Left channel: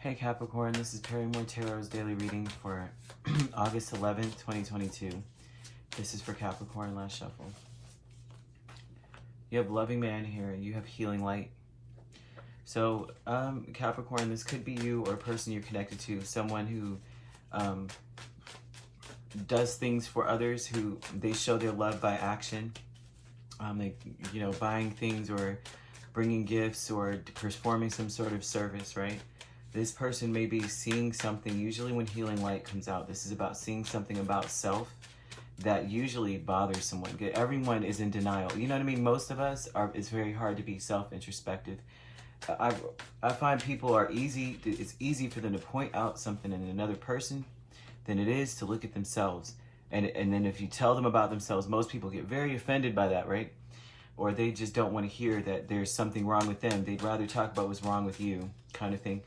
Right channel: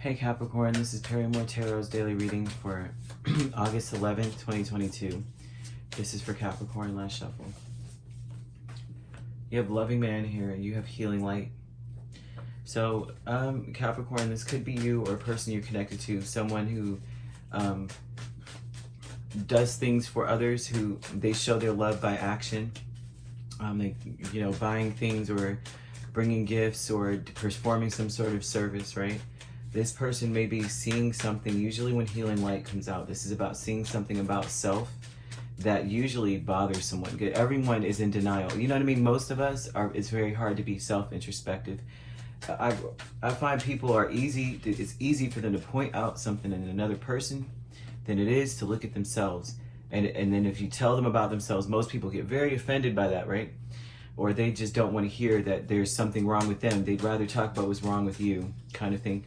Hey Capricorn, this is Perrymore Tarot's daily reading for August 11th, 2022. This is for Capricorn, last shuffle. You have loving man here, you have healing light. So, Capricorn, this could be you or a person you're connected to, someone who does things for others, who they show their love by action. Buying things or bringing gifts or performing some sort of service, right? This person may be seeing something. Usually when healing light comes out, this is about seeing something about self that usually bothers someone. Everyone is in denial. You know what I mean? Most of us are, it's very hard to be self-introspective. I find people are it's easy for them to point out something in another person than it is to look at themselves. And then if you tell them about themselves, most people get very offended by that, right? Or they just don't want to hear that there's something wrong with them. They'd rather talk about what's wrong with you, kind of thing.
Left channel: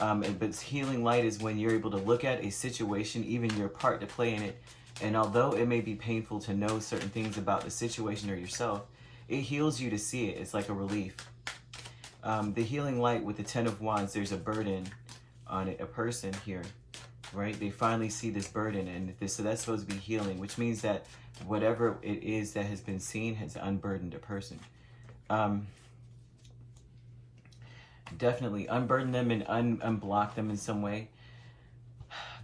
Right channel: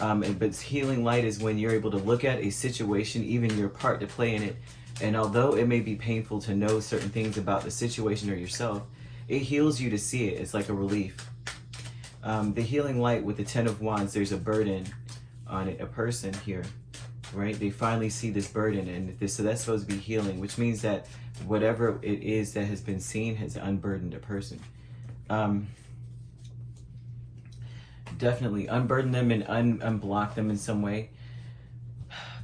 But healing light is when you're able to look at a situation, even your part to play in it, and although it may be painful to know certain things about the situation or yourself, it heals you to see it. It's like a relief. The healing light with the 10 of Wands, there's a burden on it, a person here, right? They finally see this burden, and so that's supposed to be healing, which means that whatever it is that has been seen has unburdened a person. Definitely unburden them and unblock them in some way.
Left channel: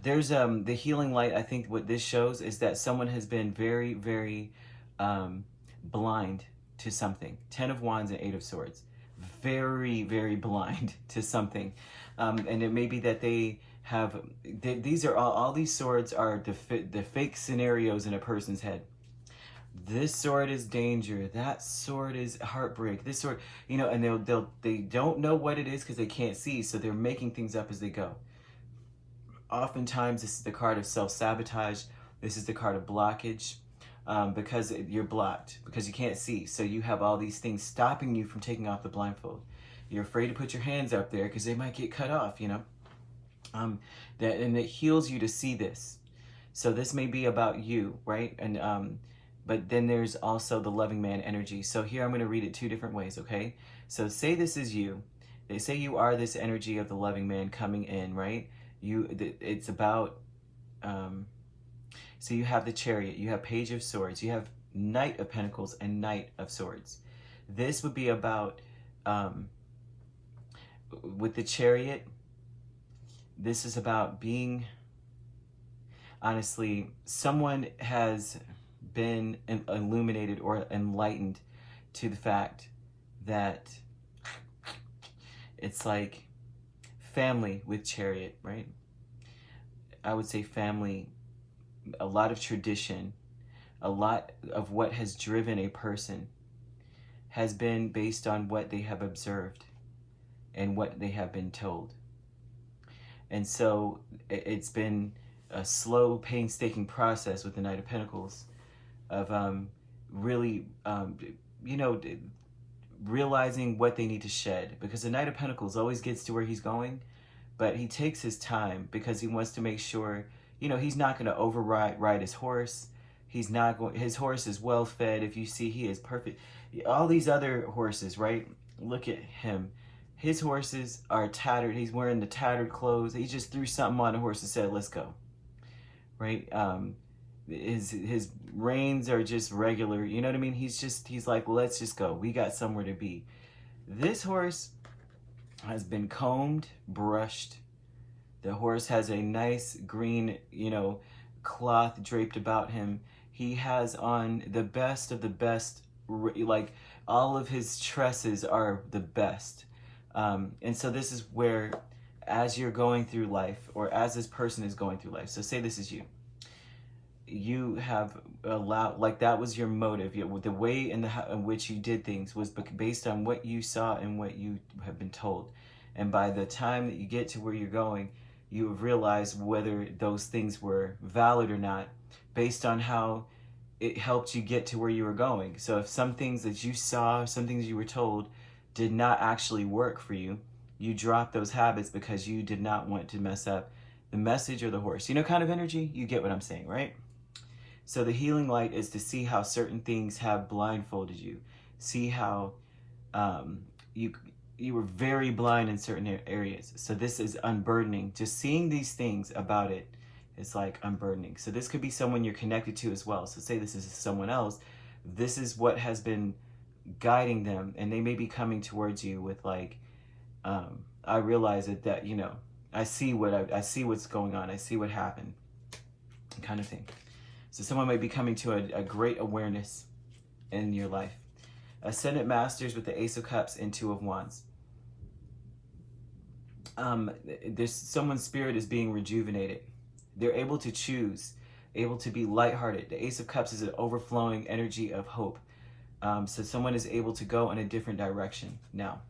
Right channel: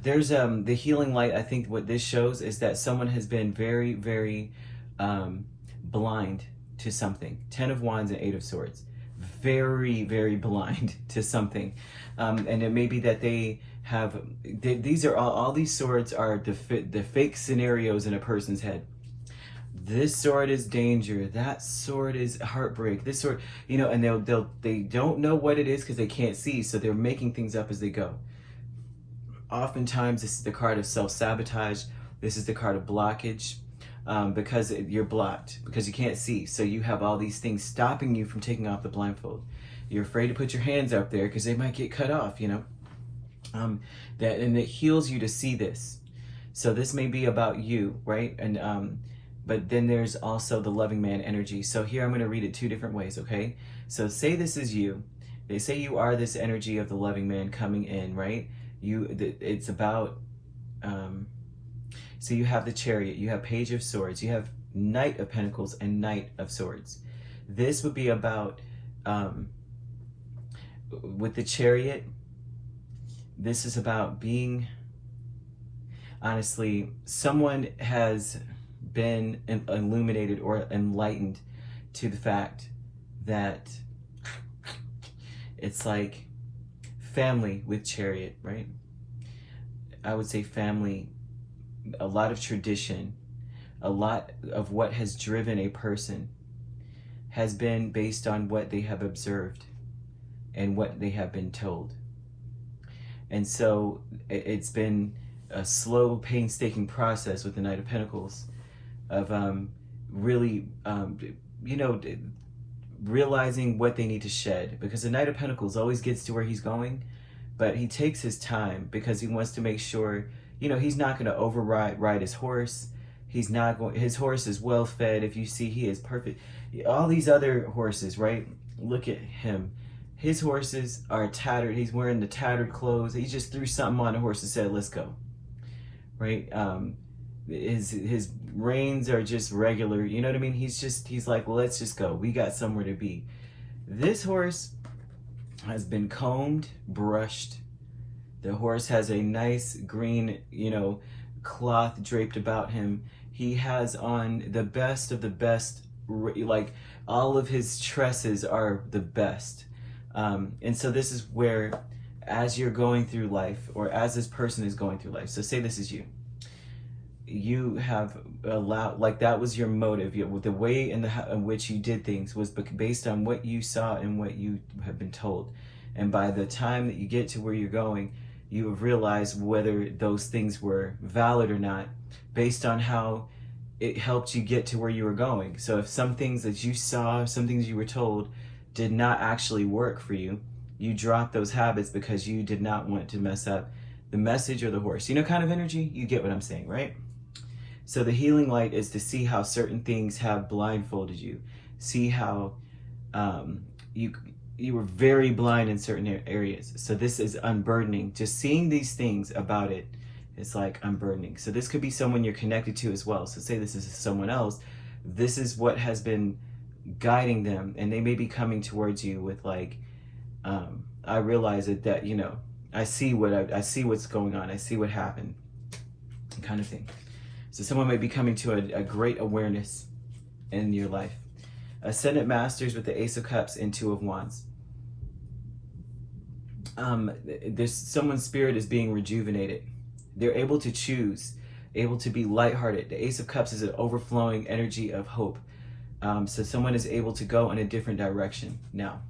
There's the healing light. I think what this shows is that someone has been very, very blind to something. 10 of Wands and 8 of Swords. Very, very blind to something. And it may be that they have, these are all these swords are the fake scenarios in a person's head. This sword is danger. That sword is heartbreak. This sword, you know, and they don't know what it is because they can't see, so they're making things up as they go. Oftentimes, this is the card of self-sabotage. This is the card of blockage, because you're blocked, because you can't see. So you have all these things stopping you from taking off the blindfold. You're afraid to put your hands up there because they might get cut off, you know. And it heals you to see this. So this may be about you, right? And but then there's also the loving man energy. So here I'm going to read it two different ways, okay? So say this is you. They say you are this energy of the loving man coming in, right? It's about, so you have the Chariot, you have Page of Swords, you have Knight of Pentacles and Knight of Swords. This would be about, with the Chariot, this is about being, honestly, someone has been illuminated or enlightened to the fact that it's like family with Chariot, right? I would say family, a lot of tradition, a lot of what has driven a person has been based on what they have observed and what they have been told. And so it's been a slow, painstaking process with the Knight of Pentacles of really, realizing what they need to shed. Because the Knight of Pentacles always gets to where he's going, but he takes his time because he wants to make sure, you know, he's not going to ride his horse. He's not going, his horse is well fed. If you see, he is perfect. All these other horses, right? Look at him. His horses are tattered. He's wearing the tattered clothes. He just threw something on the horse and said, let's go. Right? His reins are just regular. You know what I mean? He's like, well, let's just go. We got somewhere to be. This horse has been combed, brushed. The horse has a nice green, cloth draped about him. He has on the best of the best, like all of his tresses are the best. And so this is where, as you're going through life, or as this person is going through life, so say this is you. You have allowed, like that was your motive. The way in which you did things was based on what you saw and what you have been told. And by the time that you get to where you're going, you have realized whether those things were valid or not, based on how it helped you get to where you were going. So if some things that you saw, some things you were told did not actually work for you, you dropped those habits because you did not want to mess up the message or the horse. You know, kind of energy? You get what I'm saying, right? So the healing light is to see how certain things have blindfolded you. See how you were very blind in certain areas. So this is unburdening. Just seeing these things about it is like unburdening. So this could be someone you're connected to as well. So say this is someone else. This is what has been guiding them, and they may be coming towards you with like, I realize that you know, I see what's going on. I see what happened, kind of thing. So someone might be coming to a great awareness in your life. Ascendant Masters with the Ace of Cups and Two of Wands. There's someone's spirit is being rejuvenated. They're able to choose, able to be lighthearted. The Ace of Cups is an overflowing energy of hope. So someone is able to go in a different direction now,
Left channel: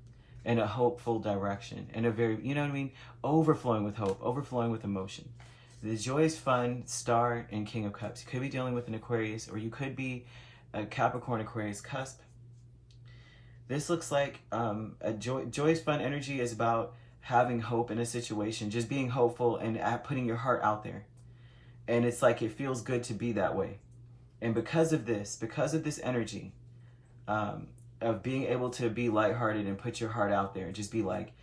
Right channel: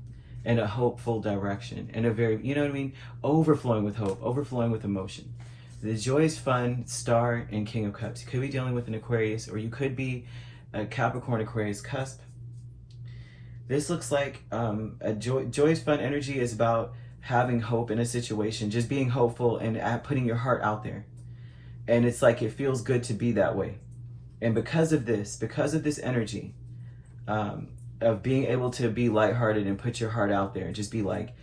in a hopeful direction, in a very, you know what I mean? Overflowing with hope, overflowing with emotion. The Joy is Fun, Star, and King of Cups. You could be dealing with an Aquarius, or you could be a Capricorn Aquarius cusp. This looks like a Joy's Fun energy is about having hope in a situation, just being hopeful and putting your heart out there. And it's like it feels good to be that way. And because of this energy of being able to be lighthearted and put your heart out there, just be like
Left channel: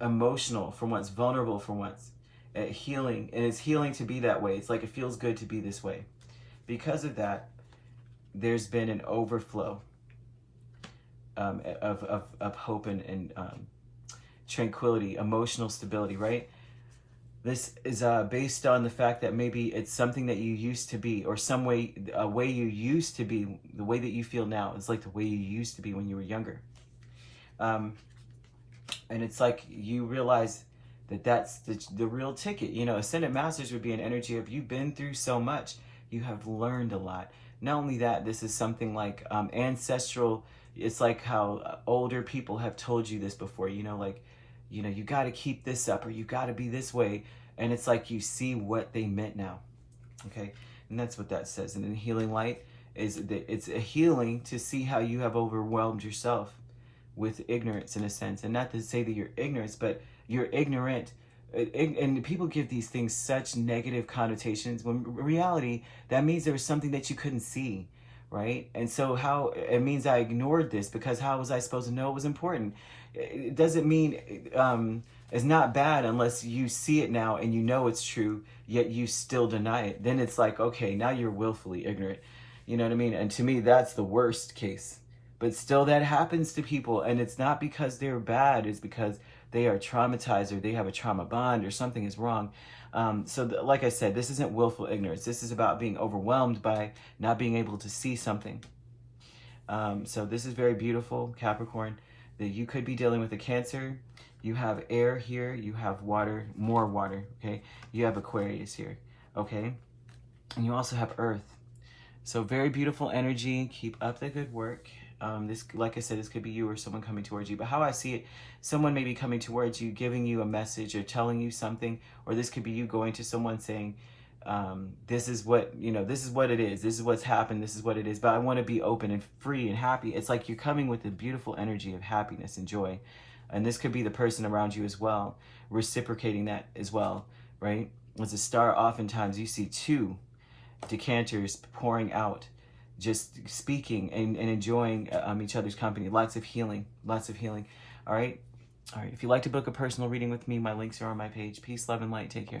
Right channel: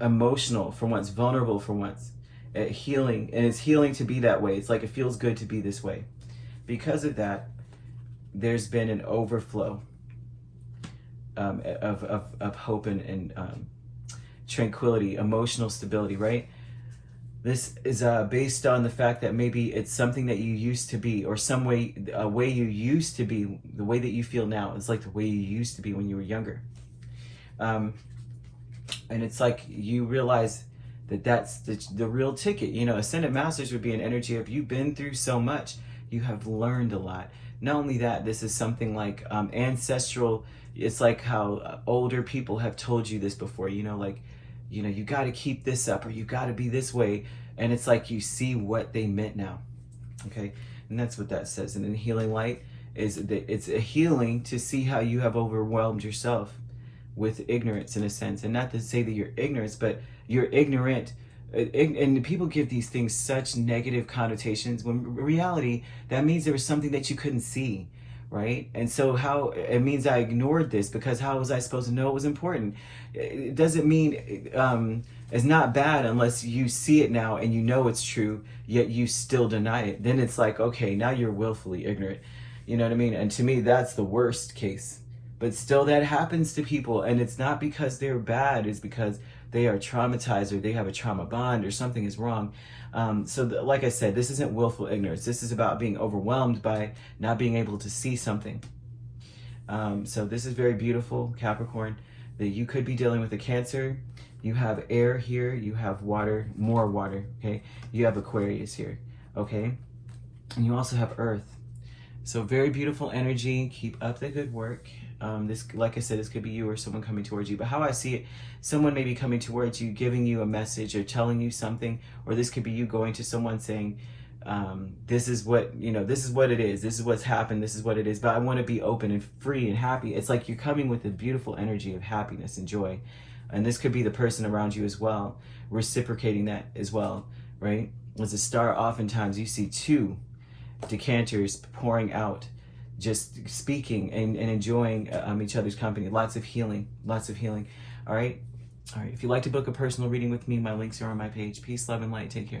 emotional for once, vulnerable for once, healing, and it's healing to be that way. It's like it feels good to be this way. Because of that, there's been an overflow of hope and tranquility, emotional stability, right? This is based on the fact that maybe it's something that you used to be, or a way you used to be, the way that you feel now is like the way you used to be when you were younger. And it's like you realize that that's the real ticket. You know, Ascendant Masters would be an energy of you've been through so much, you have learned a lot. Not only that, this is something like ancestral. It's like how older people have told you this before, you know, like, you know, you got to keep this up, or you got to be this way. And it's like you see what they meant now. Okay. And that's what that says. And then Healing Light is that it's a healing to see how you have overwhelmed yourself with ignorance, in a sense. And not to say that you're ignorant, but you're ignorant. And people give these things such negative connotations, when in reality, that means there was something that you couldn't see. Right? And so how it means I ignored this, because how was I supposed to know it was important? It doesn't mean it's not bad unless you see it now and you know it's true, yet you still deny it. Then it's like, okay, now you're willfully ignorant. You know what I mean? And to me, that's the worst case. But still, that happens to people, and it's not because they're bad, it's because they are traumatized, or they have a trauma bond, or something is wrong. Like I said, this isn't willful ignorance. This is about being overwhelmed by not being able to see something. So this is very beautiful, Capricorn, that you could be dealing with a Cancer. You have air here, you have water, more water, okay? You have Aquarius here, okay? And you also have Earth. So very beautiful energy. Keep up the good work. This, like I said, this could be you or someone coming towards you. But how I see it, someone may be coming towards you, giving you a message or telling you something, or this could be you going to someone saying, this is what, you know, this is what it is. This is what's happened. This is what it is. But I want to be open and free and happy. It's like you're coming with a beautiful energy of happiness and joy. And this could be the person around you as well, reciprocating that as well, right? As a star, oftentimes you see two decanters pouring out, just speaking and enjoying each other's company. Lots of healing, lots of healing. All right. If you'd like to book a personal reading with me, my links are on my page. Peace, love, and light. Take care.